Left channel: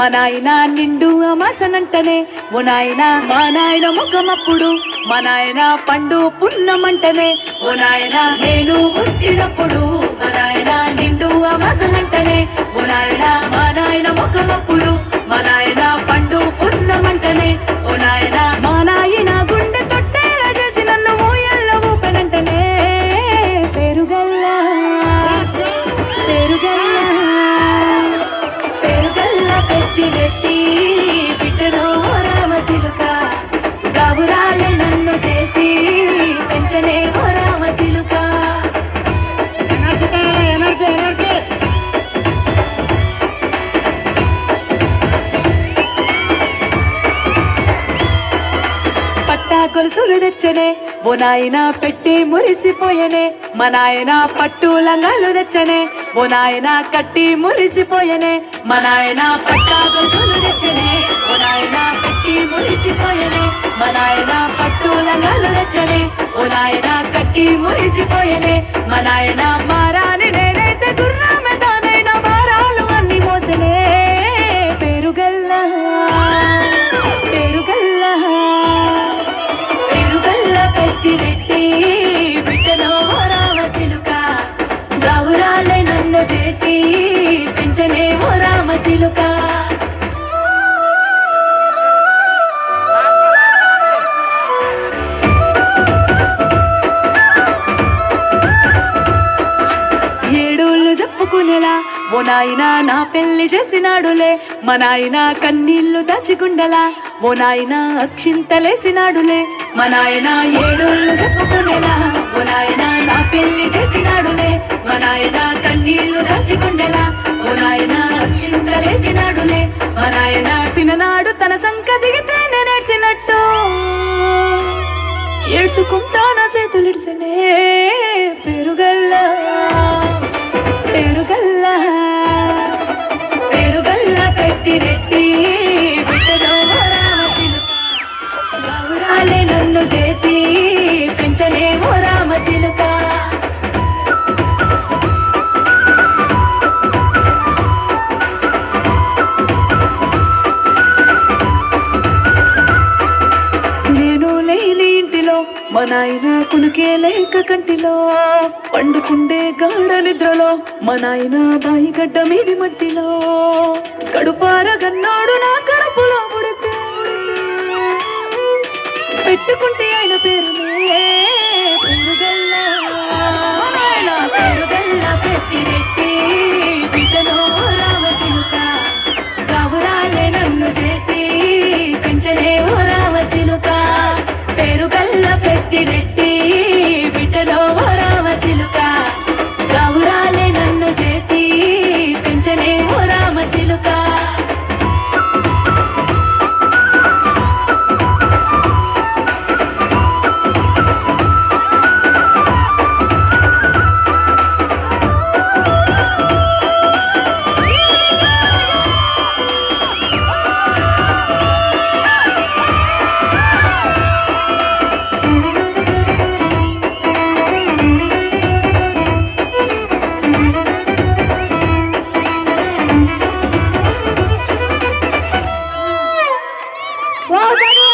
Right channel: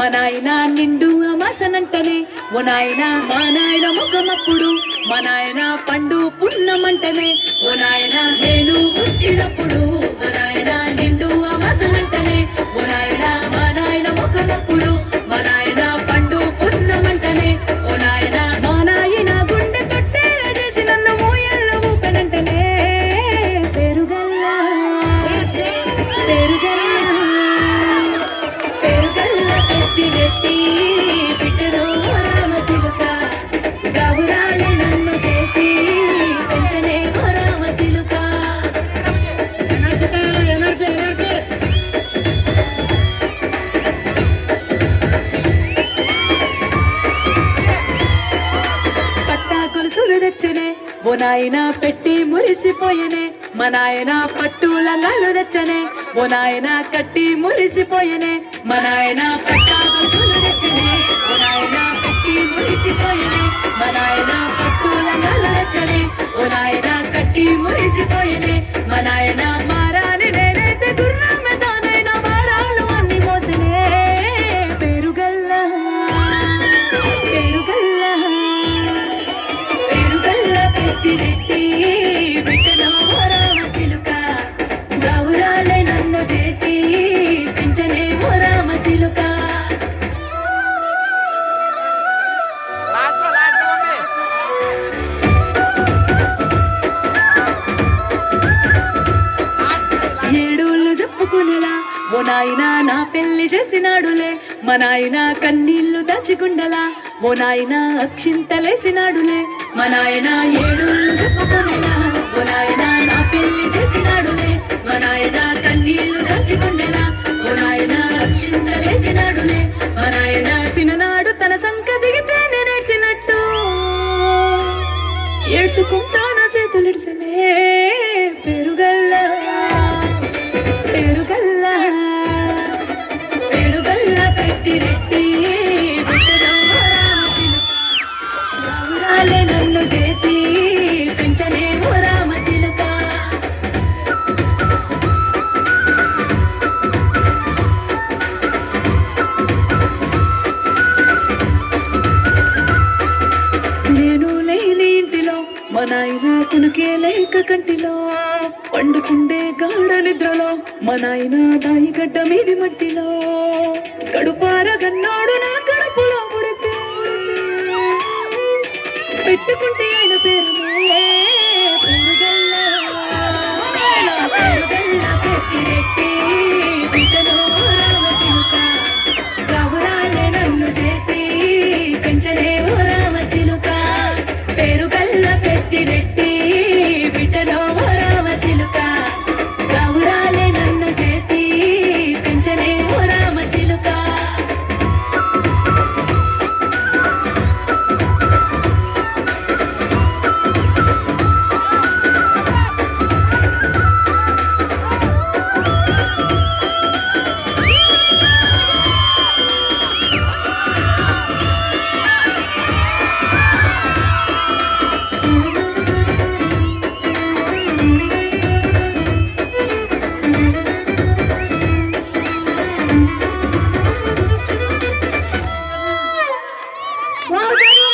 మా నాయన నిండు అమాసనంటనే ఓ నాయన మా నాయన ముఖమప్పుడు మా నాయన పండు పున్నమంటనే ఓ నాయన నేను పుట్టినప్పుడు మా నాయన నిండు అమాసనంటనే ఓ నాయన మా నాయన ముఖమప్పుడు మా నాయన పండు పున్నమంటనే ఓ నాయన మా నాయన గుండె తొట్టేలా చేసి నన్ను మోయల్లో ఊపెనంటనే పెరుగల్లా పెరుగల్లా పెరుగల్లా పెట్టి పెట్టి బిడ్డలో రామసిలుక గాబురాలే నన్ను చేసి పెంచలే ఓ రామసిలుక కొలుసులు తెచ్చనే ఓ నాయన పెట్టి మురిసిపోయనే మా నాయన పట్టు లంగాలు తెచ్చనే ఓ నాయన కట్టి మురిసిపోయనే మా నాయన పట్టా కొలుసులు తెచ్చనే ఓ నాయన పెట్టి మురిసిపోయనే మా నాయన పట్టు లంగాలు తెచ్చనే ఓ నాయన కట్టి మురిసిపోయనే మా నాయన మారాని నేనైతే గుర్రామదానైనా మారాలు అన్ని మోసనే పెరుగల్లా పెరుగల్లా పెట్టి బిడ్డలో రామసిలుక గౌరాలే నన్ను చేసి పెంచలే ఓ రామసిలుక ఏడోళ్ళు చెప్పుకునేలా ఓ నాయన నా పెళ్లి చేసినాడులే మా నాయన కన్నీళ్లు దాచిగుండలా ఓ నాయన అక్షింతలేసినాడులే మా నాయన ఏడోళ్ళు చెప్పుకునేలా ఓ నాయన నా పెళ్లి చేసినాడులే మా నాయన కన్నీళ్లు దాచిగుండలా ఓ నాయన అక్షింతలేసినాడులే మా నాయన సిననాడు తన సంక దిగితే నడిచినట్టు ఏడ్చుకుంటా నా చేతులిడిసనే పెరుగల్లా పెరుగల్లా పెరుగల్లా పెట్టి రెట్టి బిడ్డలో గౌరాలే నన్ను చేసి పెంచలే ఓ రామసిలుక నేను లేని ఇంటిలో మా నాయన కునికే లేక కంటిలో పండుకుండే గాఢ నిద్రలో మా నాయన బాయి గడ్డ మీది మట్టిలో కడుపారగన్నాడు నా కడుపులో పుడితే పెట్టుకుంటే ఆయన పేరునే పెరుగల్లా పెరుగల్లా పెట్టి రెట్టి బిడ్డలో రామసిలుక గౌరాలే నన్ను చేసి పెంచలే ఓ రామసిలుక పెరుగల్లా పెట్టి రెట్టి బిడ్డలో రామసిలుక గౌరాలే నన్ను చేసి పెంచలే ఓ రామసిలుక Well,